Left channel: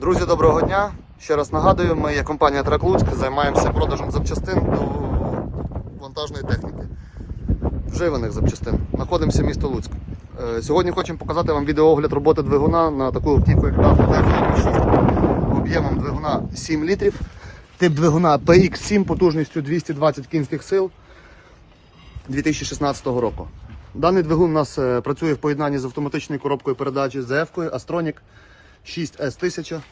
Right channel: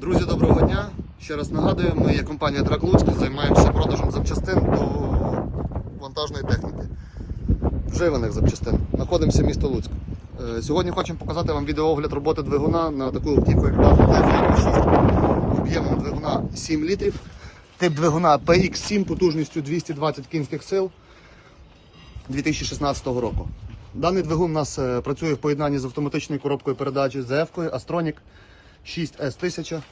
Друзі, доброго дня. Ще раз нагадую, ми є компанія Трек Луцьк, займаємося продажем запчастин до вантажної техніки. Вживаних запчастин. Знаходимося в місто Луцьк. Е, Сьогодні хочемо показати вам відеоогляд роботи двигуна на таку автівку, як Mazda об'ємом двигуна 7 літрів. Тип двигуна PX7 потужністю 220 кінських сил 2016 року. Даний двигун у нас е, працює в поєднанні з автоматичною коробкою передач з ZF-кою Astronic 6S1000.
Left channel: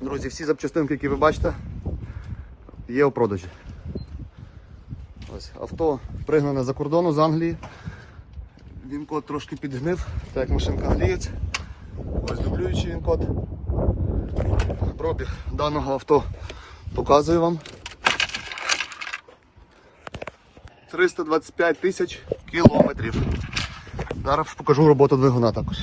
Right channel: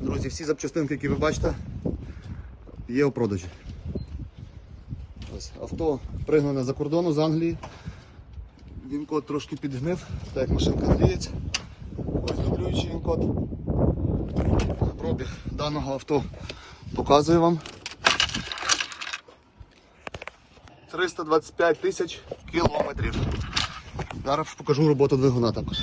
Друзі, всі запчастинки, які ви бачите, є у продажі. Ось, авто пригнане за кордону з Англії. Він код трошки підгнив, так як машинка англієць. Ось дублюючий він код. Пробіг даного авто показую вам. 325 тисяч кілометрів. Зараз покажу роботу двигуна також.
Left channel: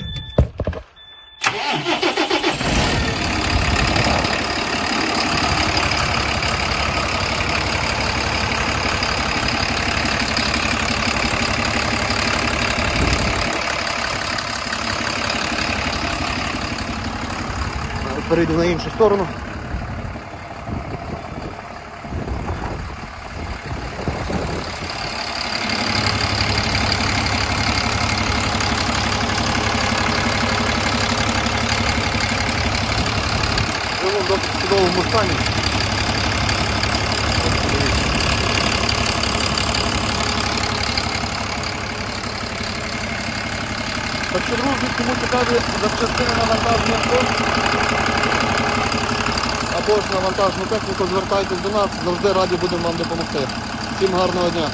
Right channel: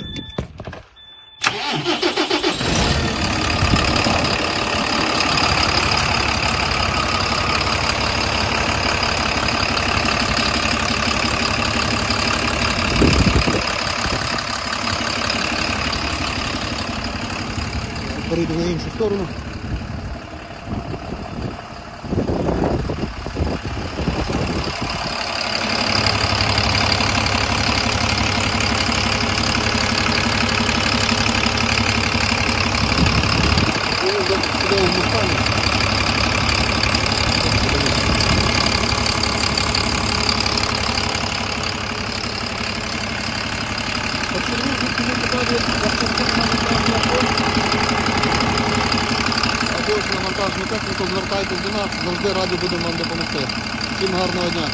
Перейду на іншу сторону. В чудовому стані. Друзі, кому цікаві запчастини на вантажну або ж на вантажну техніку, звертайтесь до нас, завжди раді будемо вам допомогти. Всім гарного дня!